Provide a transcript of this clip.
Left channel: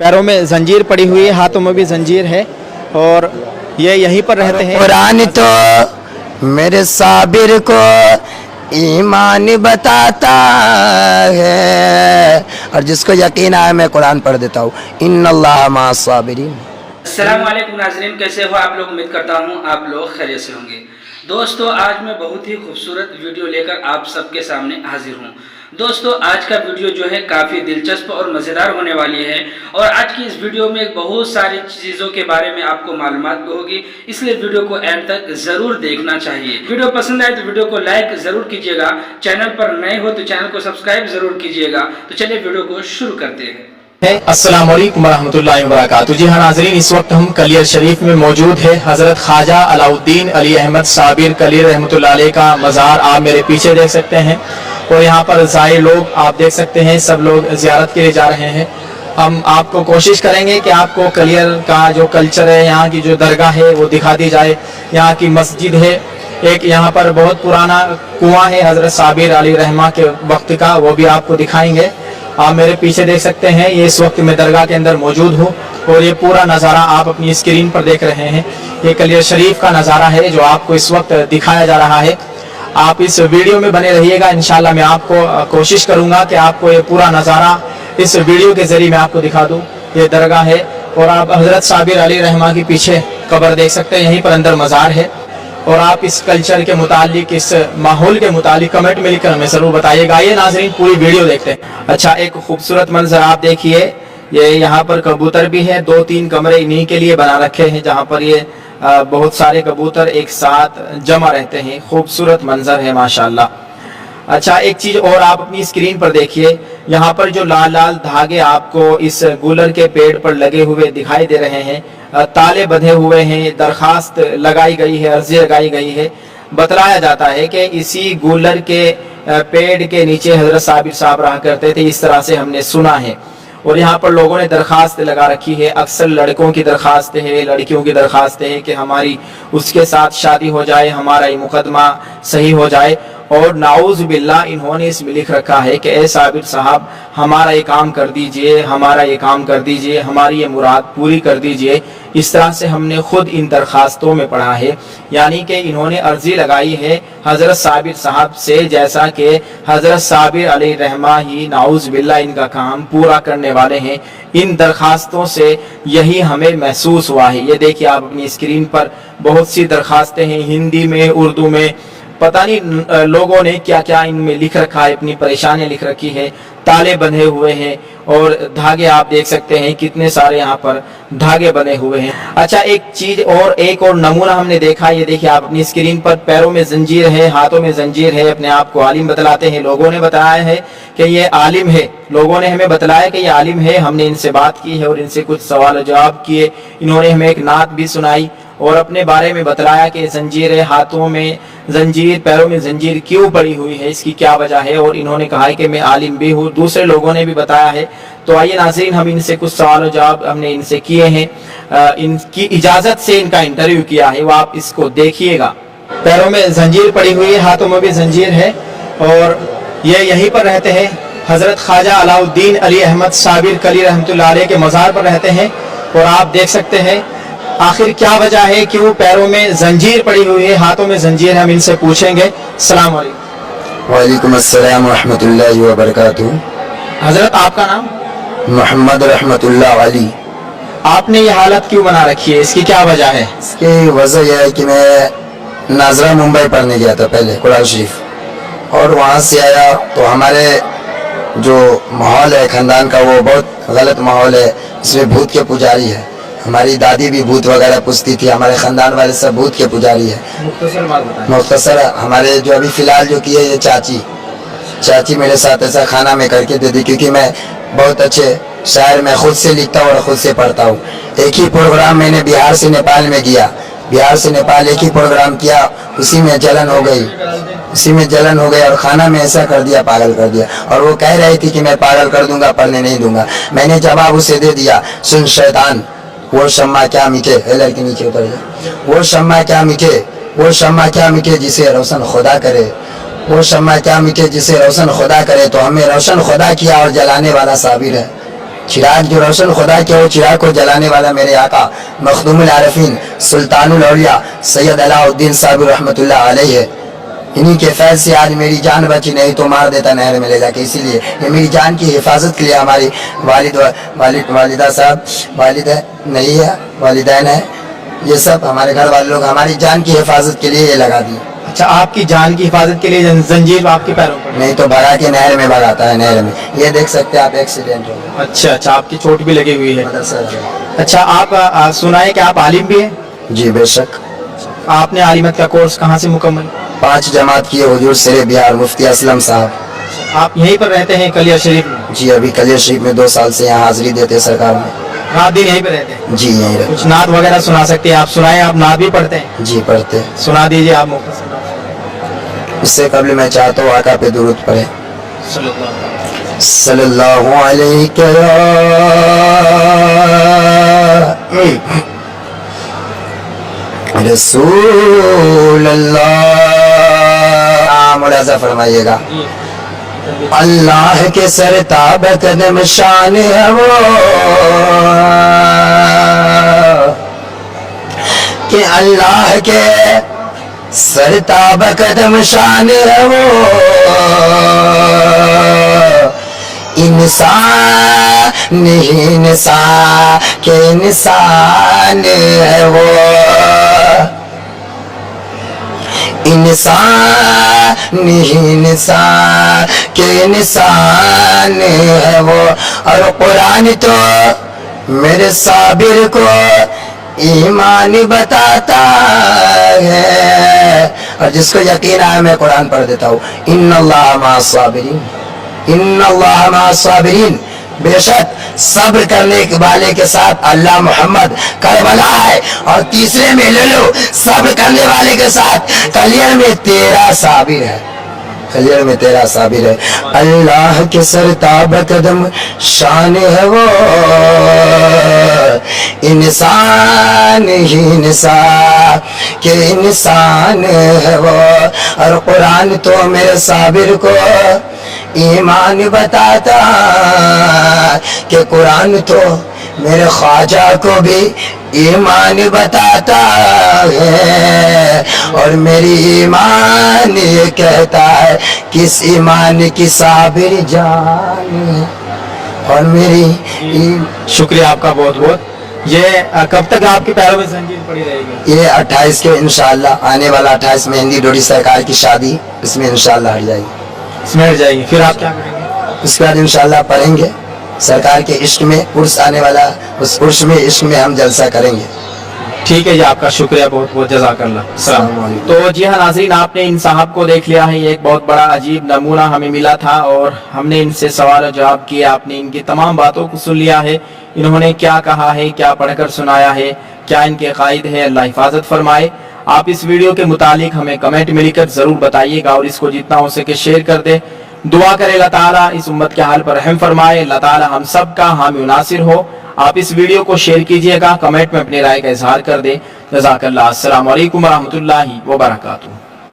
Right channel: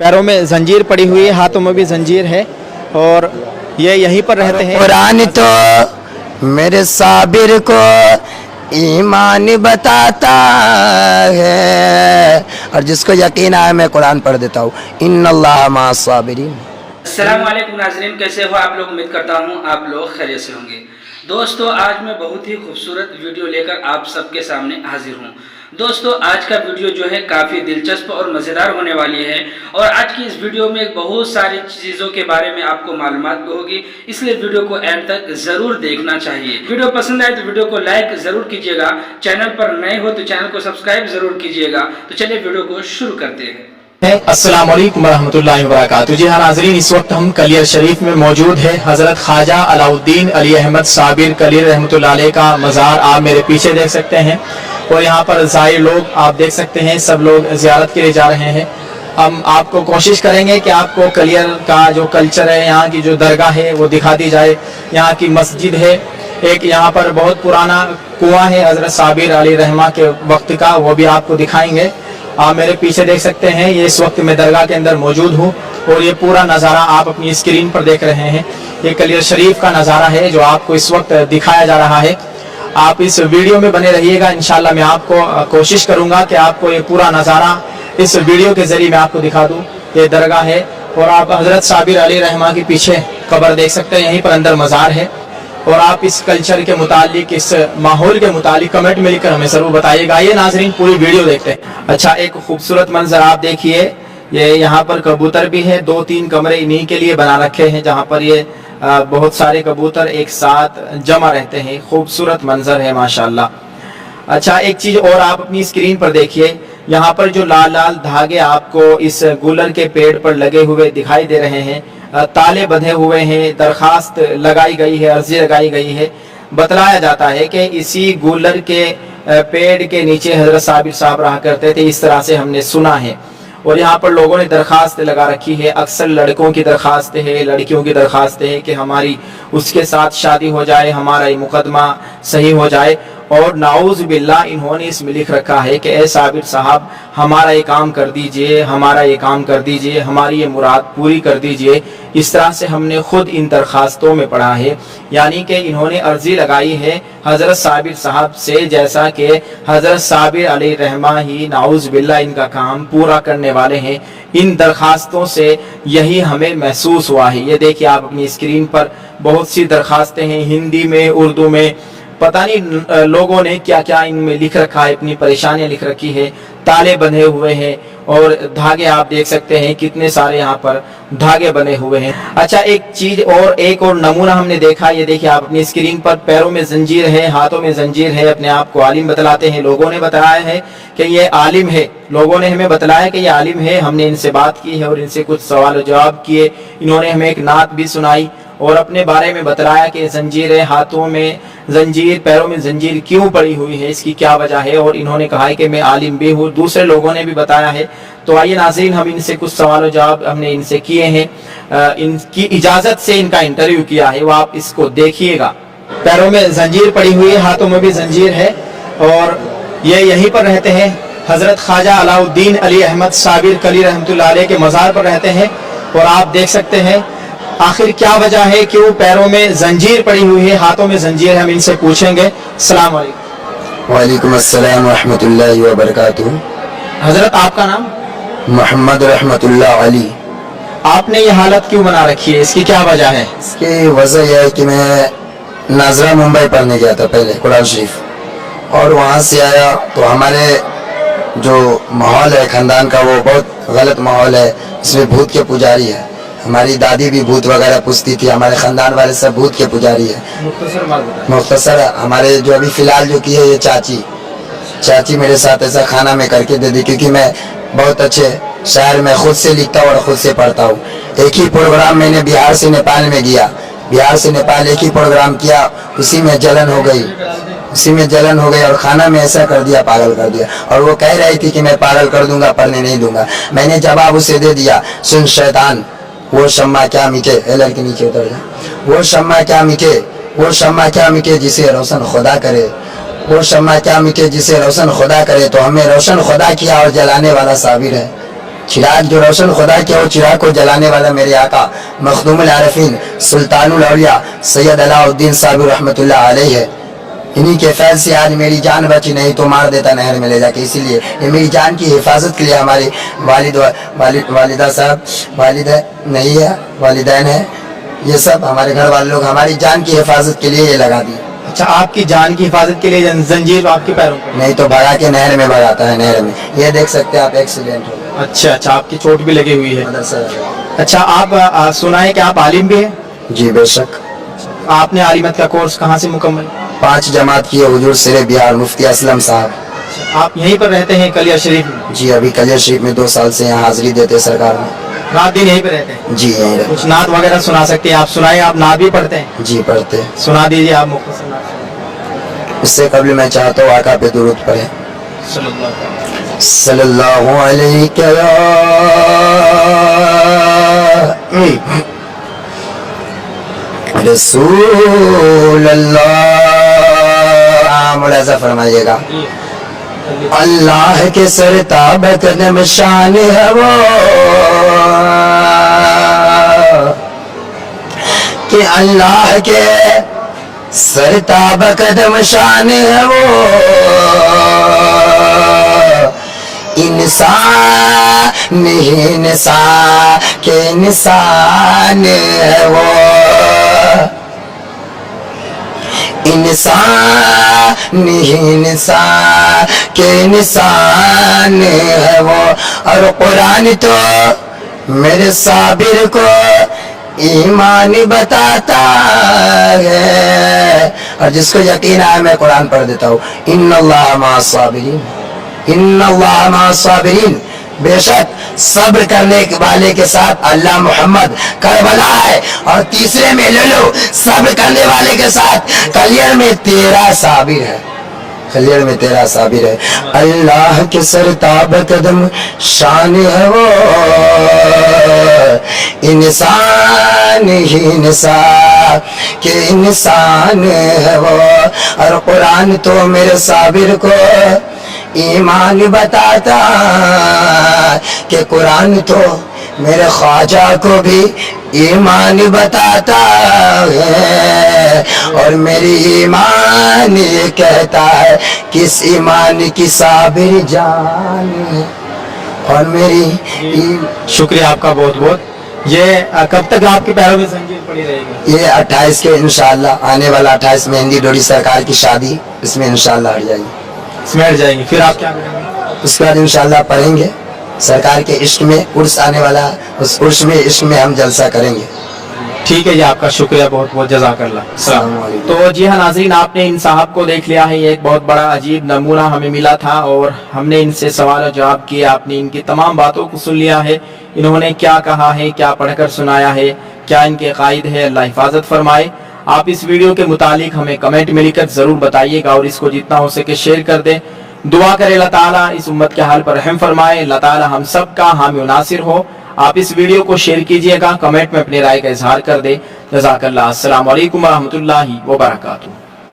पैरों में जंजीर पड़ी हुई है, हाथों में भी जंजीर है और ये यहीं पर रहते हैं। कुरान तो मेरे साबिर को ईमान बताता है, और जिसको यकीन आया मैं कुरान पढ़ देता हूँ। इन्नल्लाह माअस साबिरीन। अस्सलाम वालेकुम नाज़रीन, कैसे हो आप लोग? उम्मीद करता हूँ आप लोग खैरियत से होंगे। दोस्तों, आज मैं बहुत ही खूबसूरत वीडियो लेकर आप सबके सामने हाजिर हूँ। दोस्तों, आज का वीडियो जो है काफ़ी दिलचस्प और मज़ेदार होने वाली है और आज की इस वीडियो में बहुत सारी चीज़ों के बारे में आपको मालूमात भी होगी, इसलिए वीडियो को एंड तक ज़रूर देखना चाहिए। वीडियो पसंद आए तो वीडियो को लाइक ज़रूर कीजिएगा, चैनल पर नए हो तो चैनल को सब्सक्राइब ज़रूर कीजिएगा। तो चलिए वीडियो को शुरू करते हैं। अस्सलाम वालेकुम रहमतुल्लाहि व बरकातुहू। जी हाँ नाजरीन, इस वक्त हम कलियर शरीफ में मौजूद है। हज़रत ख्वाजा अलाउद्दीन अली अहमद साबिर कलियर रहमतुल्लाह अलैह का मज़ार आप मेरे पीछे देख सकते हैं और यहाँ पर ज़ाहिर लोग आप देख सकते हैं, सब लोग ज़ियारत के लिए जा रहे हैं। हम आपको कोशिश करेंगे कि आपको कलियर का जो कल्चर है, यहाँ की जो दरगाह है वो दिखा दी जाए। यहाँ की मस्जिद है, एक यहाँ पर बहुत पुराना कुआं है हज़रत साबिर अली रहमा के वक्त का, वो भी आपको दिखाएंगे। आप मेरे पीछे देख सकते हैं, ये इस वक्त मैं दरगाह के अंदर मौजूद हूँ और ये पूरा नज़ारा आप अपनी स्क्रीन पर देख रहे हैं। ये कलियर शरीफ का नज़ारा है जो आपको इस वक्त दिखाया जा रहा है। आप इस वीडियो में बने रहिएगा, इंशाल्लाह मैं आपको कोशिश करूँगा कि आपको ये पूरा नज़ारा इस वीडियो के ज़रिए मैं आपको दिखा दूँ। ये दरगाह है और आप हज़रत साबिर अली रहमा के पीछे कब्र देख सकते हैं, यहीं पर अंदर मज़ार है। और आप इस कल्चर के मुतालिक, इस माहौल के मुतालिक कमेंट में लिखकर हमें ज़रूर बताइएगा। ये नाजरीन पूरी वीडियो देखते हैं। अच्छा, एक खूबसूरत मंजर आप देखिए, ये यहाँ पर कबूतर भी है, 2-3 कमरे इन्हीं के लिए बना रखे हैं जहाँ पर ये बहुत सारे कबूतर एक साथ जमा रहते हैं। खूबसूरत मंजर है माशाल्लाह। अच्छा, एक चीज़ और आप अपनी स्क्रीन पर देखिए, यहाँ पर जो लाल लाल धागे आपको इस गुलर के पेड़ पर लगे हुए दिखाई दे रहे हैं, ताले बंधे हुए हैं, दरखास्त लगाई गई है, अर्जी लगाई गई है। बतलाया जाता है कि इसी गुलर के पेड़ के नीचे हज़रत साबिर साहब रहा करते थे, इस तरह से हमने सुना है। और यहाँ पर लोगों ने दरखास्त लगा रखी है, अक्सर लड़कों की दरखास्त है, लड़कियों की दरखास्त है कि हमारी उसके साथ शादी हो जाए, हमारा ये मुकदमा सही हो जाए। और नाउज़ बिल्लाह इन्होंने इसमें लिख रखा है कि ए साबिर साहब, हमारा ये काम कर दीजिए, हमारा ये काम कर दीजिए, हमारी ये मुराद पूरी कर दीजिए। इस तरह से हमने खुद इन दरखास्तों में पढ़ा है, यानी कि इन्होंने अर्जी लगाई है हज़रत साबिर साहब से, जैसा कि हज़रत साबिर अली रहमा ही नाउज़ बिल्लाह इनका काम पूरा करने वाले हैं। इन दरखास्तों से यही हमें महसूस हुआ है। ये देखिए आप अपनी स्क्रीन पर बहुत सी दरखास्तें हैं, हिंदी में, उर्दू में, पता नहीं लोगों ने क्या क्या इनमें लिख रखा है, अपनी परेशानियां लिख रखी है। ताले बंधे हुए हैं और धागे आप देख सकते हैं, कितने सारे यहाँ पर धागे बने हुए हैं। अच्छा, एक चीज और, एक और नमूना हमने देखा, ये देखिए आप अपनी स्क्रीन पर, पैरों में जंजीर है, हाथों में जंजीर है। अपने आप को आलिम बतलाते हैं, लोगों ने बताया है कि ये आलिम है, लोगों ने हमें बतलाया कि ये आलिम है। हमने इनसे बात की है और इनसे कुछ सवाल जवाब किए। इन्होंने हमें एक नात भी सुनाई और अपने बारे में बतलाया कि जंजीर है, हाथों में जंजीर, पैरों में जंजीर क्यों पड़ी हुई है, इसकी क्या वजह है। और इन्होंने कहा है कि मैं आलिम भी हूँ, दूसरे लोगों ने भी बताया है। तो आइए नाज़रीन, हम इनसे कुछ सवाल जवाब हमने इनसे किए हैं, इनकी इजाज़त से इनका इंटरव्यू किया है, वो आप इसको देखिएगा। पैरों में जंजीर पड़ी हुई है, हाथों में भी जंजीर है और ये यहीं पर रहते हैं। हज़रत ख्वाजा अलाउद्दीन अली अहमद साबिर कली रहमतुल्लाह अलैह के मज़ार पर रहते हैं और आप देख सकते हैं आखिर क्या वजह है, क्यों पैरों में जंजीर पड़ी हुई है, हाथों में जंजीर है, हम इनसे पूछेंगे। अस्सलाम वालेकुम। वालेकुम अस्सलाम व रहमतुल्लाहि व बरकातुहू। हजरत, आपका नाम? मोहम्मद रहमतुल्लाह अली। आपने ये हालत क्यों बना रखी है, इसकी क्या वजह है? इसकी वजह यह है कि मैं नाजरा मुंबई पढ़ने गया था पहले कुरान शरीफ, और वहाँ से आया तो हमारे जो माहौल है खानदान का वो बहुत गलत माहौल है, इसमें भूत के पुजारी है। हमारी दादी भी भूत वगैरह पूछती थी, हमारे खानदान वाले सब भूत के पुजारी है। मुख्तसर हमारे जो अभी फिलहाल जो की है ये चाची मेरे साथ ऐसा खाना में करके दे दी, क्योंकि मैं बहुत अच्छे शायर में खुद से लिखता हूँ और खुद से पढ़ता हूँ। एक ही प्रोग्राम मैंने बिहार से नेपाल में गया, बिहार से नेपाल एक ही प्रोग्राम किया, उसी में जलन हो गई और खाना में ऐसा कर दिया, पागल कर दिया। और वो कह रही थी कि मैं पागल कर दूंगा, पढ़ने नहीं दूंगा। मैंने जवाब उसे दे दिया, सुन शैतान, वो शम्मा क्या मीठे, लड़के नीचे उतर गया, वो शम्मा क्या मीठे जिसे रोशन खुदा करे, वो शम्मा क्या मीठे जिसे रोशन खुदा करे। तो हमें रोशन खुदा किया और जलाने वाला साबिर है। चिराग जो रोशन खुदा के हो, चिराग को जलाने वाला मेरे आका मखदूमुल आरिफीन सुल्तानुल औलिया सैयद अलाउद्दीन साबिर रहमतुल्लाह अलैह है। इन्हीं के फैज़ से आज मेरी जान बची, नहीं तो मार देता नहर में ले जाके। इसीलिए ये मेरी जान की हिफाजत के लिए हमारी वालिदा साहब, वालिद है नहीं है, वालिदैन है, ये सब हमारे घर वाले लोग हमारी जान की हिफाजत के लिए ये लगा दिए। अच्छा, आपकी जान की हिफाजत के लिए जंजीर आपके पैरों में पड़ी? नहीं तो भगा के नहर में भगाता है, नहर में। ये देख सकते हैं आप, एक्सीडेंट हो गया। अच्छा अच्छा, आपकी चोट भी लगी हुई है। मदरसा। अच्छा, आप सुना है कि आप आलिम भी हैं? जी बेशक। आपने आलिमत का कोर्स कहाँ से मुकम्मल? 5 जमात किए हुजूर शेरे बिहार मुफ्ती असलम साहब। आप यहीं पर रहते हैं कलिया शरीफ में? जी अभी कलियर शरीफ में 2 साल से यहाँ हाजिरी देते सरकार में। रात दिन यहीं पे रहते हैं? जी यहीं रहते। कुछ नात वगैरह सुना सकते हैं? आप सुनाए, आप नात भी पढ़ते हैं? जी पढ़ते। सुना दीजिए आप मुख्तसर नात। इससे कबल मैं चाहता हूँ आका पे दुरूद पढ़े। सल्लल्लाहु अलैहि रसूल अल्लाह। मुलाजा फरमाइएगा। अल्लाह के सरताब कदम शान है वो, कि अल्लाह के सरताब कदम शान है वो, इंसान ही इंसान के इंसान है वो, इंसान ही इंसान के इंसान है वो। और कुरान तो मेरे साबिर को ईमान बताता है। और जिसको यकीन आया मैं कुरान पढ़ देता हूँ। इन्नल्लाह मअस साबिरीन, इन्नल्लाह मअस साबिरीन। बेशक सब्र करने वाले के साथ अल्लाह मोहम्मद करबला है। और तीसरे में ले लो, सब्र करने वाले के साथ कलियर में तेरा साबिर है, कलियर में तेरा साबिर है। अल्लाह के सरताब कदम शान है वो, इंसान ही इंसान के इंसान है वो। और कुरान तो मेरे साबिर को ईमान बताता, कि कुरान तो मेरे ख्वाजा को भी ईमान बताता है। और मेरी ईमान ये कहता है, किस ईमान की साबिर जान है। और मेरी शुक्रिया आपका बहुत बहुत। ये कब तक आपके पैरों में जंजीर पड़ी रहेगी? ये 28 के इंशाल्लाह, आने वाला 28 में हिंदी डोरी सरकार की शादी, इसमें इंशाल्लाह हट जाएगी, इसमें हट जाएगी। फिर आप क्या करेंगे? उसके बाद इंशाल्लाह पढ़ेंगे सरकार के इश्क में, उर्स आने वाला, उस उर्स में इश्क में हम जलसा करेंगे। ठीक है जी, आपका शुक्रिया बहुत बहुत, जज़ाकल्लाह। अस्सलाम वालेकुम। तो जी हाँ नाज़रीन, आपने इन साहब को देख लिया है। ये एक बहुत बड़ा अजीब नमूना हमें मिला था और हमने इनसे सवाल और जवाब किए। आपने इनकी तमाम बातों को सुन लिया है, इन्होंने क्या कहा है, क्या पढ़कर सुनाया है, क्या इनके कायद है। अल्लाह हिफाजत फरमाए। आप इस वीडियो के मुतालिक हमें कमेंट में लिखकर जरूर बताइएगा और इसको जितना हो सके शेयर कर दे। दुआ करे अल्लाह ताला इस उम्मत के हाल पर रहम फरमाए, अल्लाह ताला हम सब का हामी नासिर हो। आप इस वीडियो को शेयर कीजिएगा, कमेंट में अपनी राय का इजहार कर दे। जज़ाकल्लाह। अस्सलाम वालेकुम व रहमतुल्लाहि व बरकातुहू।